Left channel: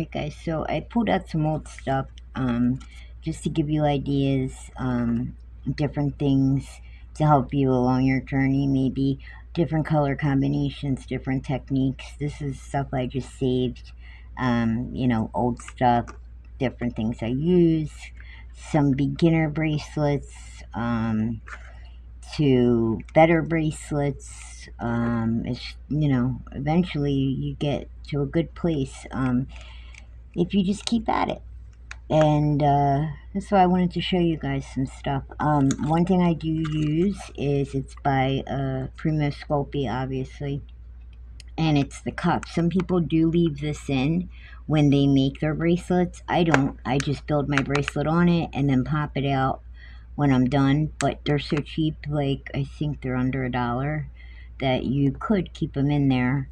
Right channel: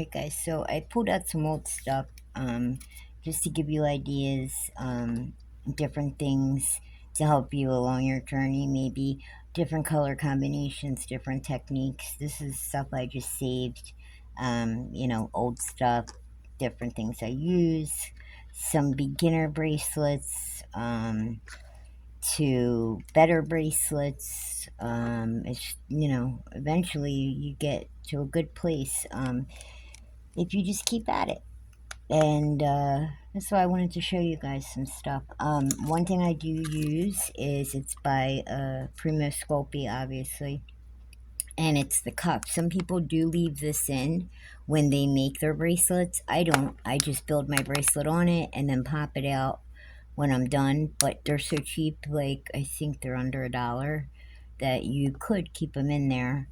Alright guys, so I pulled out some old stuff just to give you ideas, different things to help you along your journey, maybe different color combinations, different techniques. This is stuff I just saved, old stuff, different things I use, some beginner bracelets, to better bracelets. Eventually you get to a good place. If you just keep at it. And that's why I wanted to show you guys some stuff. One thing I do use is it's by Primo Sculpey, obviously, and it's the cup. Some people do leave this in when they make their bracelets. I don't. I just build my bracelet on it and then pop it out when I'm done. But they're so cheap, like I think they're under $1, that you could keep them in there.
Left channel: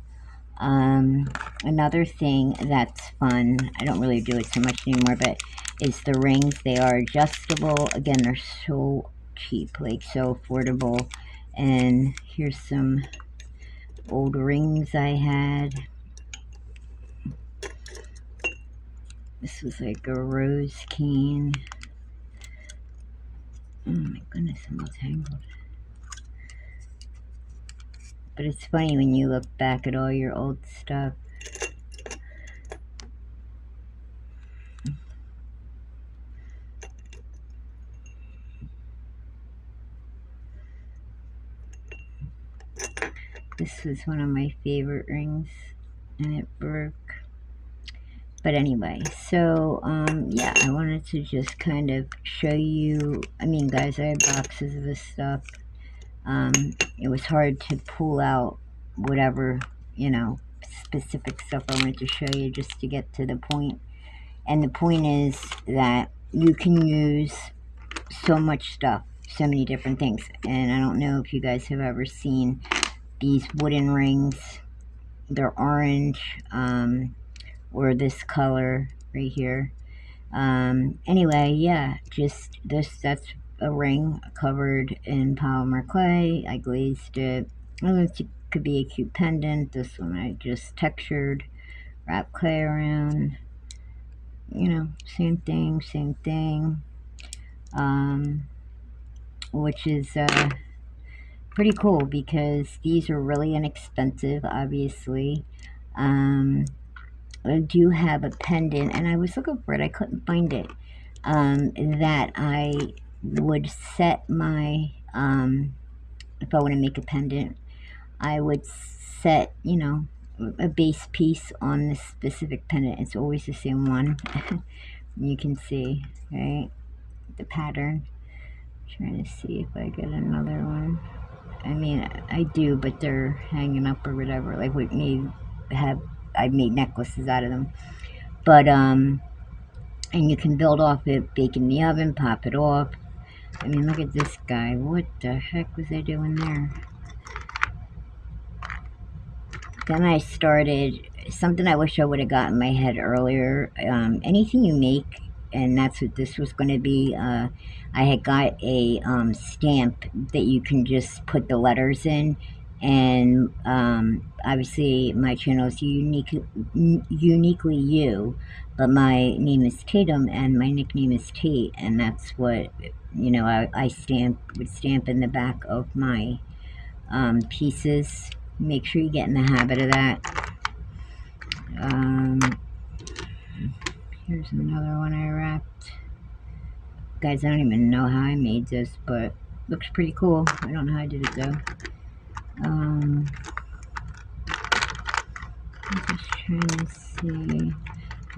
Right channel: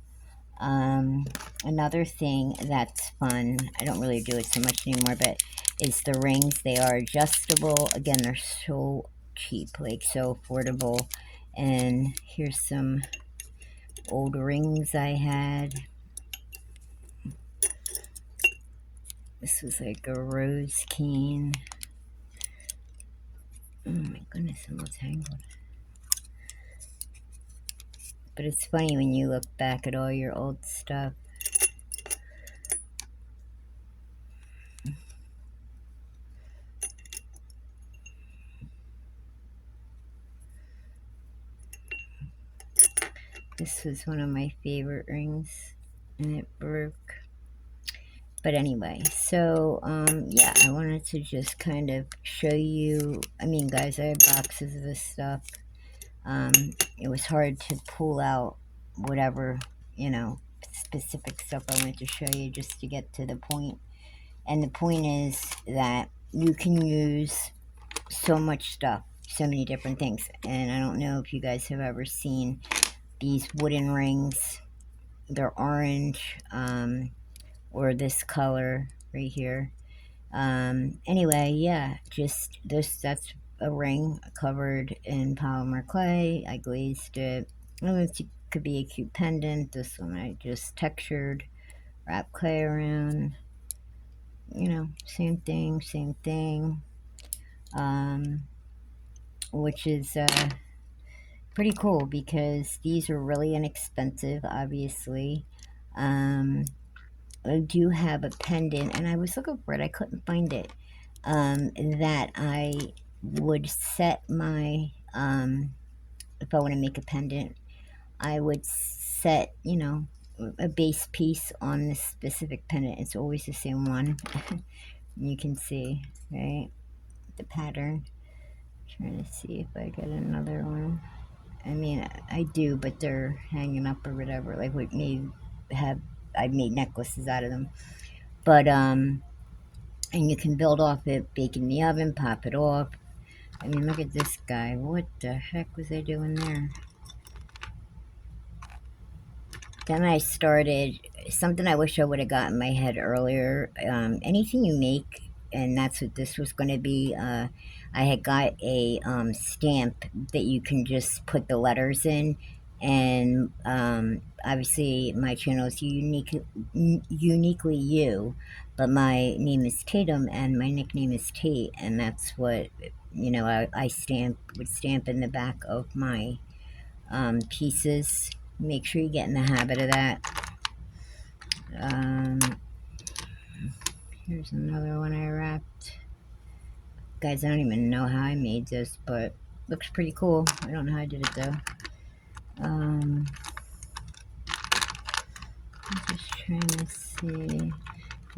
Another thing that's fun, I don't really do it so much anymore, but is the rings. They are adjustable. Again, they're so cheap, like so affordable. And here's some old rings I had. This was like a rose cane. Oh my goodness, I'm all tangled. But it's funny when you look back at all your old stuff. This was one of my favorite rings, and it broke. But anyway, so yeah, I wanted to just kind of show you. I mean, guys, I have boxes of this stuff. It was hard to pull out whatever, specific stuff I wanted to show you just to get to the point. And the point is that you can use so much stuff, so many different things. And I don't know if you guys have ever seen these wooden rings. They're orange, or this color right here. Anyway, yeah, just that's a ring covered in polymer clay. I glazed it. I don't know if it could be a cute pendant. This one I just textured, wrapped clay around. Same thing. Which is pretty cool because these are really inexpensive, obviously. I do have a pendant, and I was looking for it. I couldn't find it. That I would set my, if I want to make a pendant, I would set, a base piece on this specific pendant. It's always the same one. You can see, right, the pattern. I'm trying to see if I get another one. I mean, I do, but they're hanging up or whatever. Like, what I've made necklaces out of them. But, and you can build off it, bake in the oven, pop it off. I mean, look at this guy. What the heck was I doing there? Then I started, something I wish I would have got in my head earlier. Anything you make, and that's what this was going to be. I had got a stamp that you can just put the letters in. And obviously my channel is uniquely you, but my name is Tatum and my nickname is Tate, and that's what I would stamp in the back of my pieces. Make sure you get in the habit of that. Here's another one I wrapped. Guys, I don't even know how I made this, but looks pretty cool. I don't know how I did it though. I'm just trying to see.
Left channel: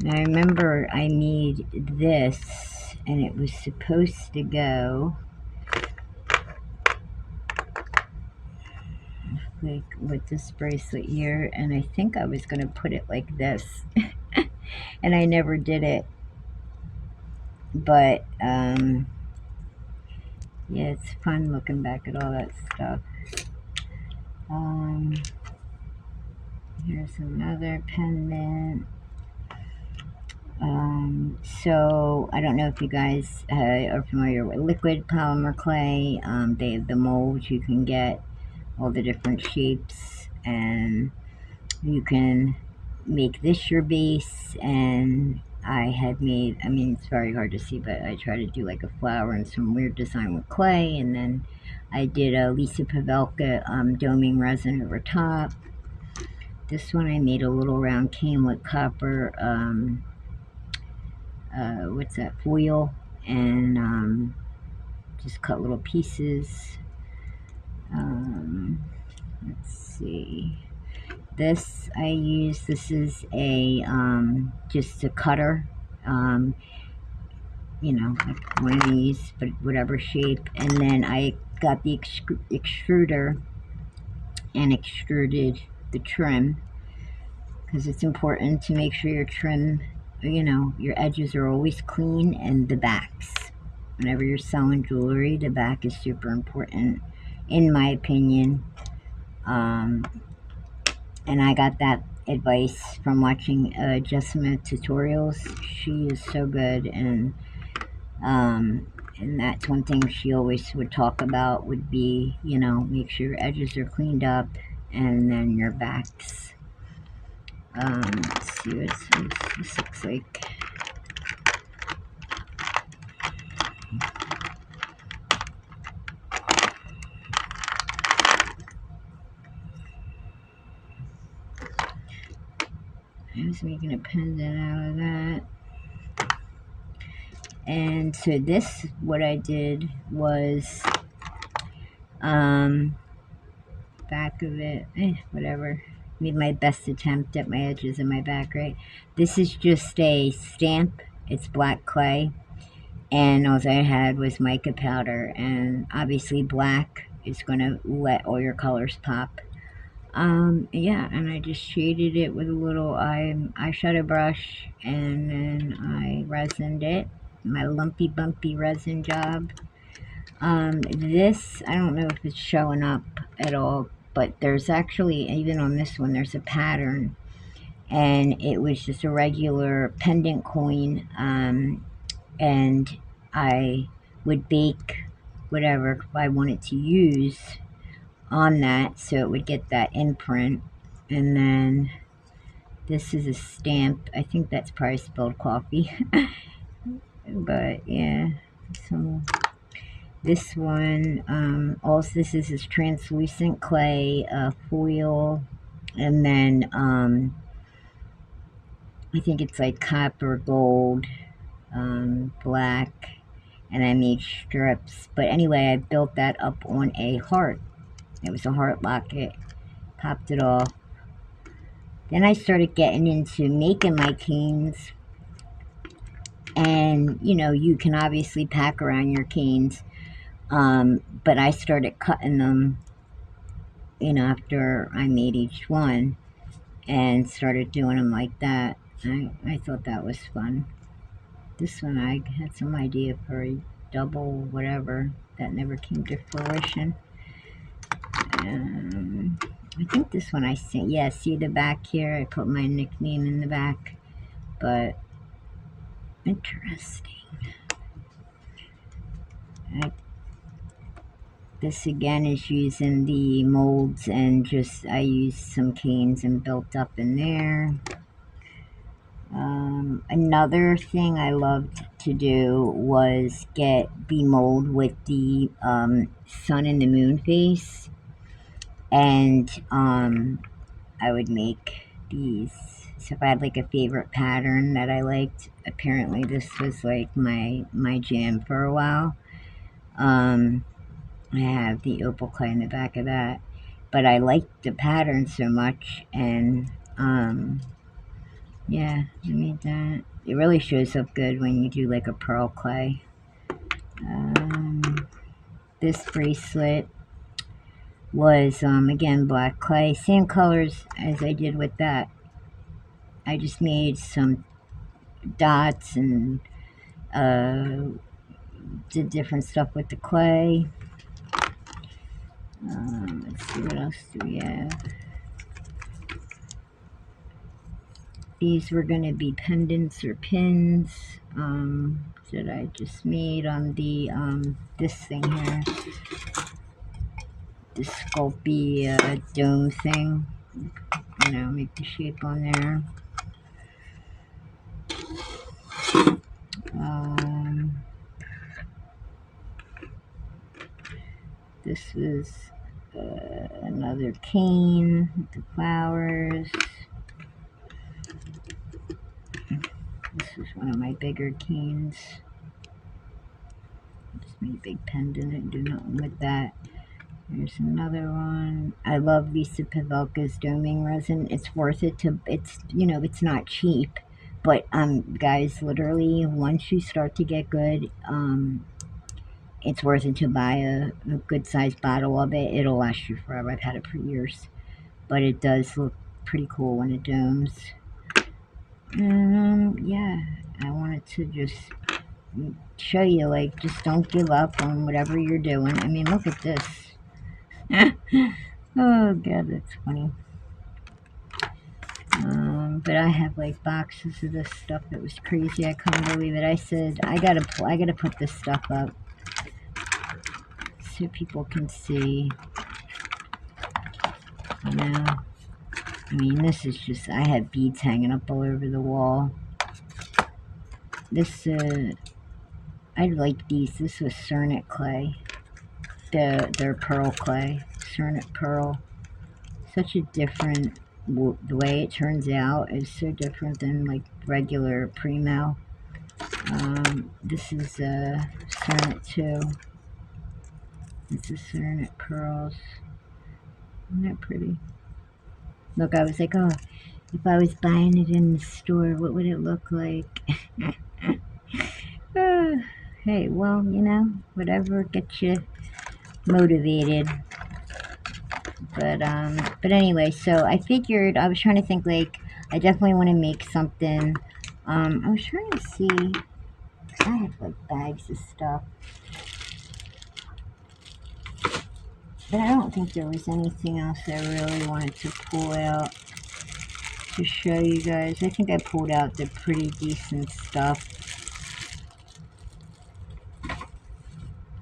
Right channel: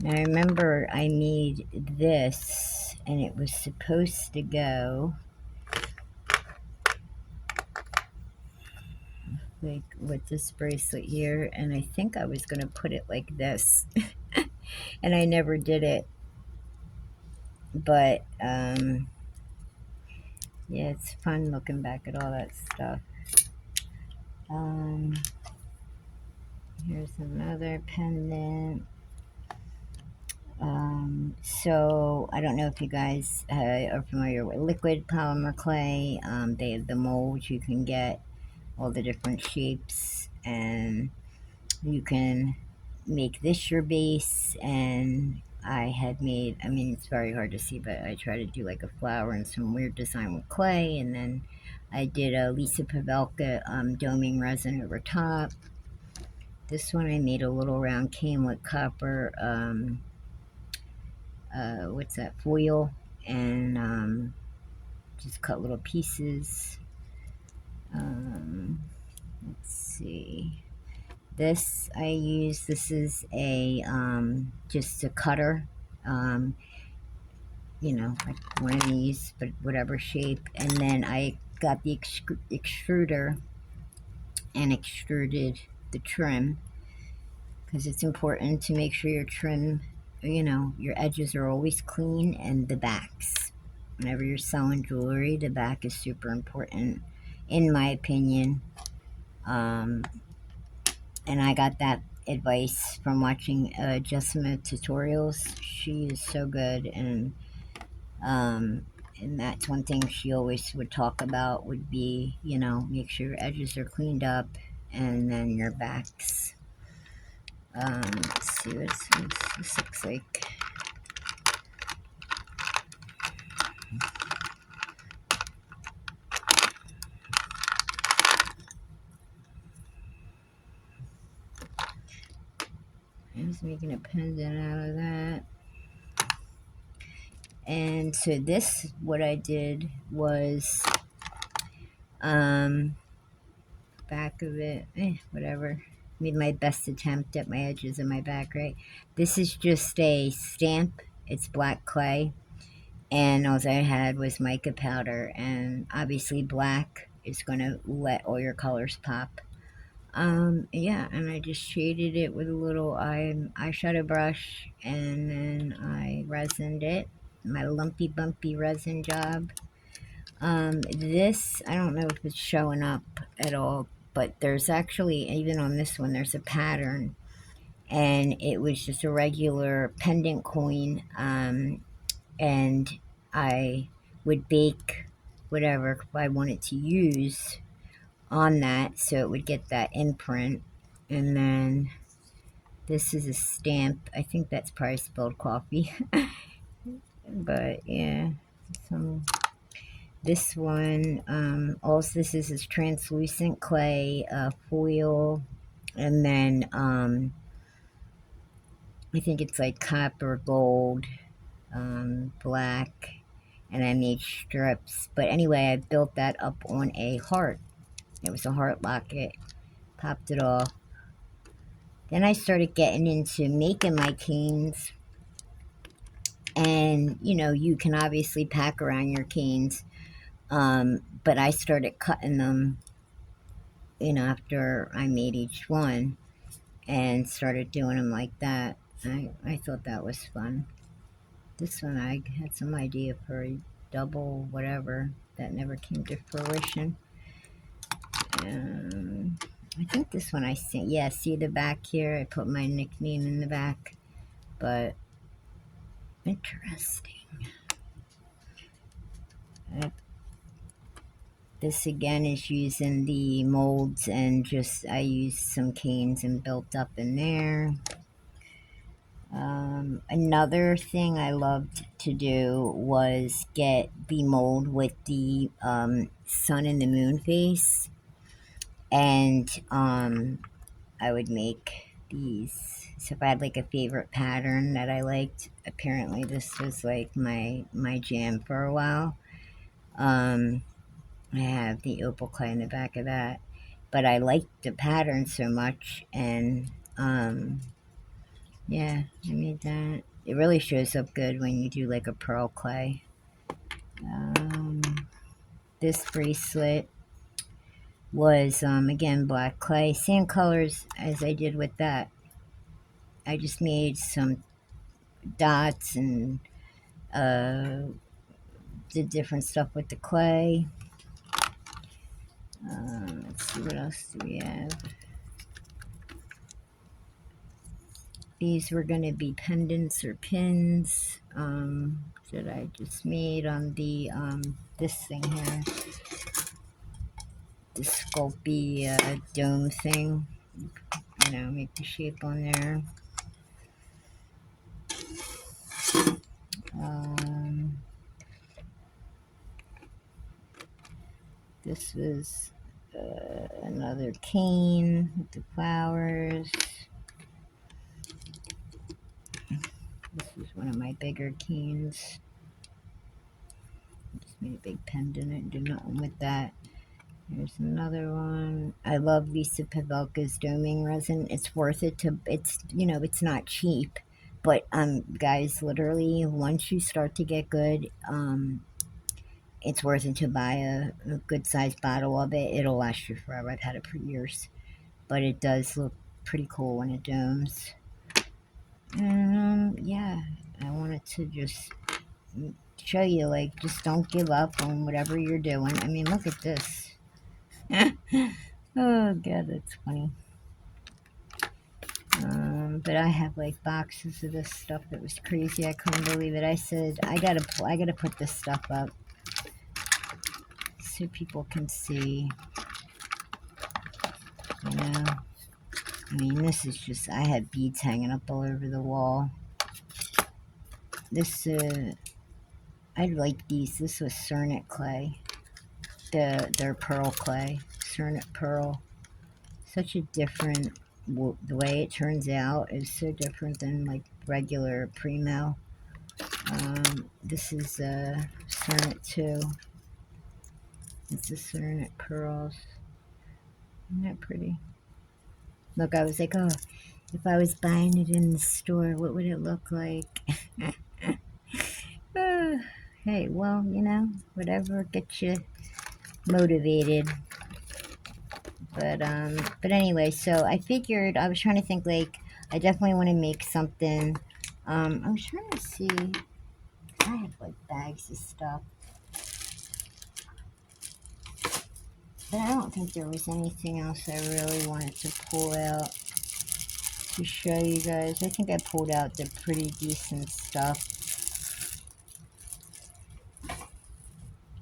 Now I remember I made this, and it was supposed to go like with this bracelet here, and I think I was going to put it like this. And I never did it. But yeah, it's fun looking back at all that stuff. Here's another pendant. So I don't know if you guys are familiar with liquid polymer clay. They have the molds. You can get all the different shapes, and you can make this your base, and I had made, I mean, it's very hard to see, but I tried to do like a flower and some weird design with clay, and then I did a Lisa Pavelka doming resin over top. This one I made a little round cane with copper, what's that, foil, and just cut little pieces. Let's see. This I use, this is a, just a cutter, you know, like one of these, but whatever shape. And then I got the extruder and extruded the trim, because it's important to make sure your trim, you know, your edges are always clean, and the backs. Whenever you're selling jewelry, the back is super important, in my opinion. And I got that advice from watching Jessima tutorials. She is so good, and that's one thing she always would talk about, would be, you know, make sure your edges are cleaned up, and then your backs. Let's see what this looks like. I was making a pendant out of that. And so this, what I did was, back of it, whatever. Made my best attempt at my edges and my back, right? This is just a stamp. It's black clay. And all I had was mica powder. And obviously black is going to let all your colors pop. Yeah, and I just shaded it with a little eyeshadow brush, and then I resined it. My lumpy bumpy resin job. This, I don't know if it's showing up at all, but there's actually, even on this one, there's a pattern, and it was just a regular pendant coin, and I would bake whatever I wanted to use on that, so it would get that imprint. And then this is a stamp. I think that's probably spilled coffee. But yeah, so this one, also this is translucent clay, foil, and then I think it's like copper, gold, black, and I made strips. But anyway, I built that up on a heart. It was a heart locket. Popped it off. Then I started getting into making my canes. And, you know, you can obviously pack around your canes. But I started cutting them, you know, after I made each one, and started doing them like that. I thought that was fun. This one I had some idea for a double whatever that never came to fruition. I think this one I see, yeah, see the back here? I put my nickname in the back, but interesting. This again is using the molds, and just I used some canes and built up in there. Another thing I loved to do was get the mold with the sun and the moon face, and I would make these. So if I had like a favorite pattern that I liked, apparently this was like my jam for a while. I have the opal clay in the back of that, but I liked the pattern so much, and yeah, I made that. It really shows up good when you do like a pearl clay. This bracelet was again black clay, same colors as I did with that. I just made some dots and did different stuff with the clay. Let's see, what else do we have? These were going to be pendants or pins that I just made on the this thing here, the Sculpey dome thing. you know, make the shape on there. This is another cane with the flowers. This is one of my bigger canes. Just made a big pendant and do nothing with that. There's another one. I love Lisa Pavelka's doming resin. It's worth it to, it's, you know, it's not cheap. But, guys, literally, once you start to get good, it's worth it to buy a good-sized bottle of it. It'll last you forever. I've had it for years. But it does look pretty cool when it domes. And, yeah, I wanted to just show you, like, just don't give up on whatever you're doing. I mean, look at this. Oh, God, that's funny. But I have like boxes of this stuff that was crazy. I couldn't believe it. I said I gotta put this stuff up so people can see. You know, I mean, this is just, I have beads hanging up all over the wall. This I like these. This was Cernet clay. Their pearl clay, Cernet pearl. Such a different, the way it turns out is so different than like regular Primo. This is Cernet too. This is Cernet pearls. Isn't that pretty? Look, I was like, oh, if I was buying it in the store, what would it look like? Hey, well, you know, whatever gets you motivated. But anyway, so I figured, I was trying to think, like, I definitely want to make something. I was trying to see, I have like bags of stuff, but I don't think there was anything else I really wanted to pull out to show you guys. I think I pulled out the pretty decent stuff.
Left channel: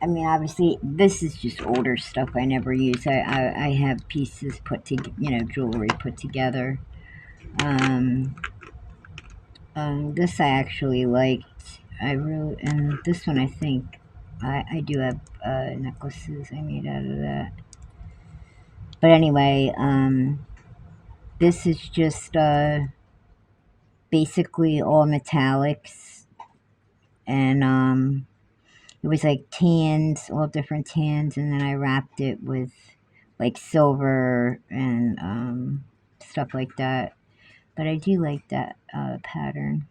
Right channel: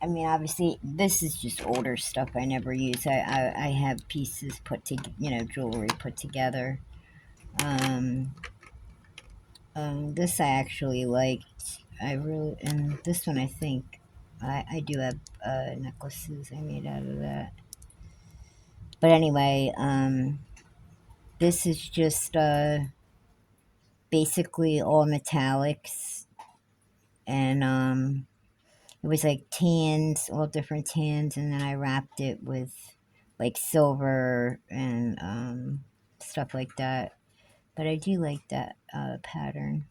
I mean, obviously, this is just older stuff I never use. I have pieces put together, you know, jewelry put together. This I actually liked. I really, and this one I think, I do have necklaces I made out of that. But anyway, this is just basically all metallics, and it was like tans, all different tans, and then I wrapped it with like silver and stuff like that. But I do like that pattern.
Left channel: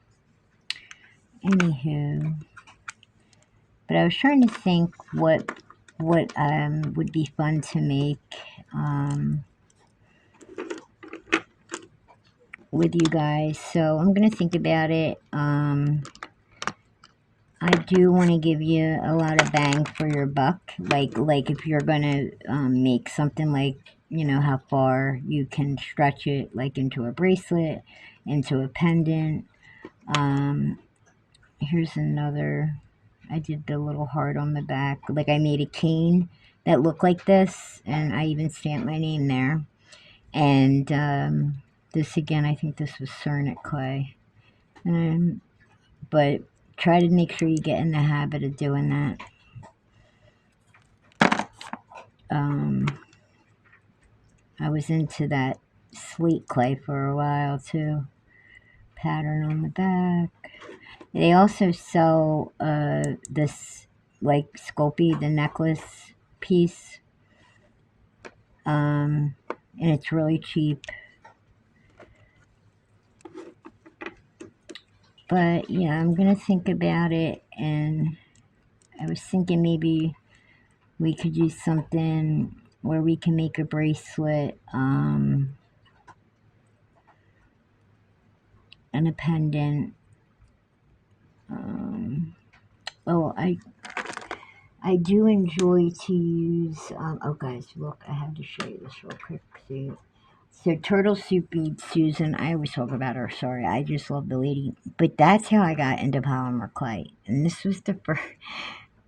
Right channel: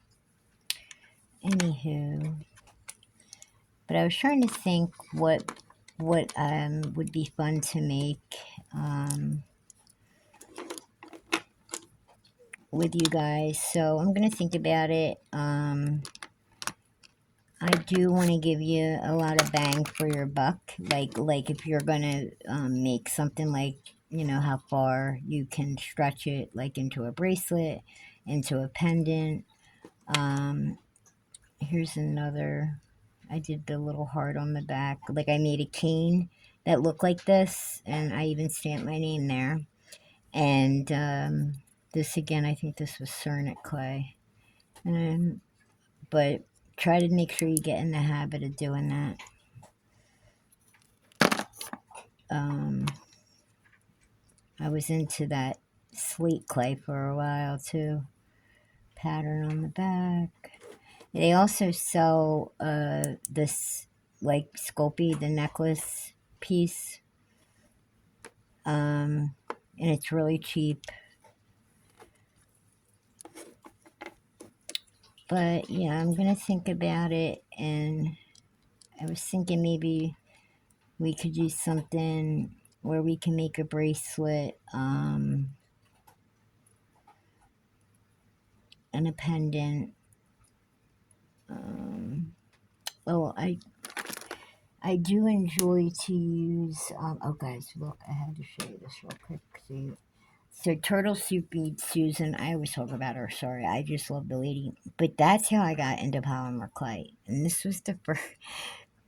Anywho, but I was trying to think what would be fun to make with you guys. So I'm gonna think about it. I do want to give you a lot of bang for your buck. Like if you're gonna make something, like, you know, how far you can stretch it, like into a bracelet, into a pendant. Here's another. I did the little heart on the back. Like, I made a cane that looked like this, and I even stamped my name there. And this again, I think this was Cernet clay. But try to make sure you get in the habit of doing that. I was into that slate clay for a while too. Pattern on the back. They also sell this, like, Sculpey, the necklace piece. And it's really cheap. But yeah, I'm gonna think about it, and I was thinking maybe we could do something where we can make a bracelet and a pendant. Oh, I do enjoy to use, oh guys, look, I have to show you this real quick. See, so Turtle Soup beads, Susan, I always talk about her, sorry, I just love the lady. But that's how I got into polymer clay. And this was the first,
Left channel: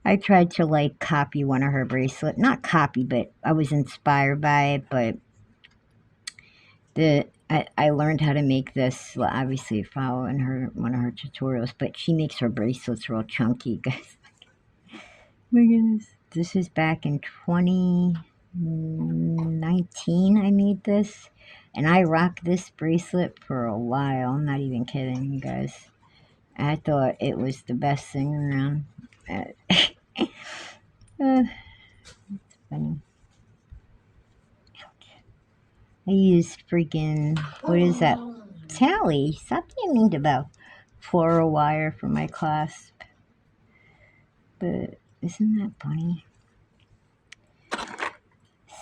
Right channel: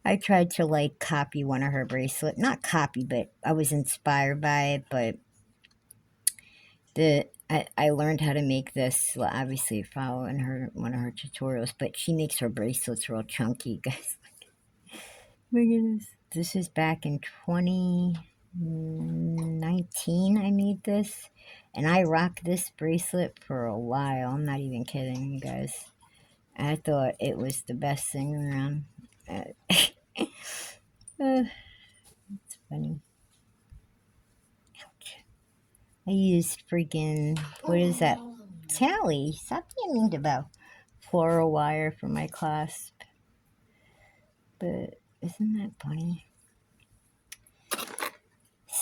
I tried to like copy one of her bracelets. Not copy, but I was inspired by it. But I learned how to make this, well, obviously following her one of her tutorials, but she makes her bracelets real chunky, guys. My goodness. This is back in 2019 I made this. And I rocked this bracelet for a while. I'm not even kidding, you guys. I thought it was the best thing around. It's funny. Ouch. I used freaking, what is that? Tally, stop being mean about floral wire for my clasp. But isn't that funny?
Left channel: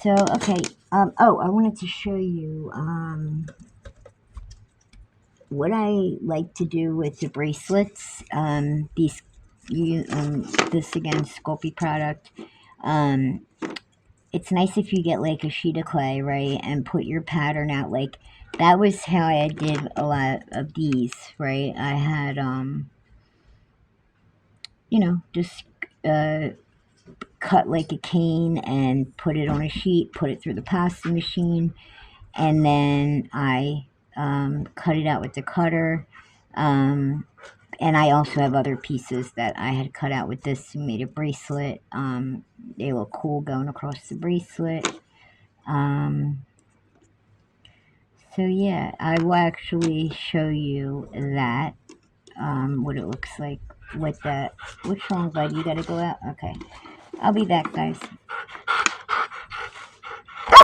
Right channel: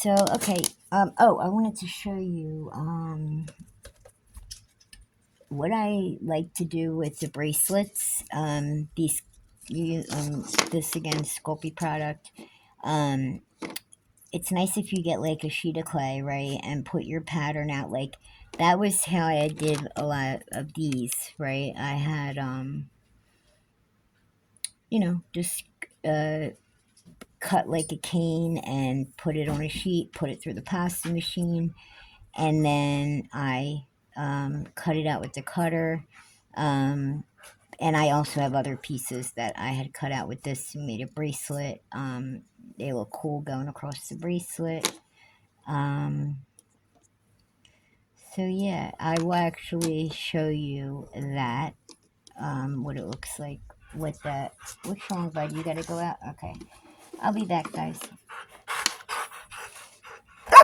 So, okay. Oh, I wanted to show you what I like to do with the bracelets. This again, Sculpey product. It's nice if you get like a sheet of clay, right, and put your pattern out. Like that was how I did a lot of these, right? I had just cut like a cane and put it on a sheet, put it through the pasta machine, and then I cut it out with the cutter. And I also have other pieces that I had cut out with this and made a bracelet. They look cool going across the bracelet. So yeah, I will actually show you that, what it looks like with that. Which one, bud? You gotta go out? Okay. I'll be back, guys.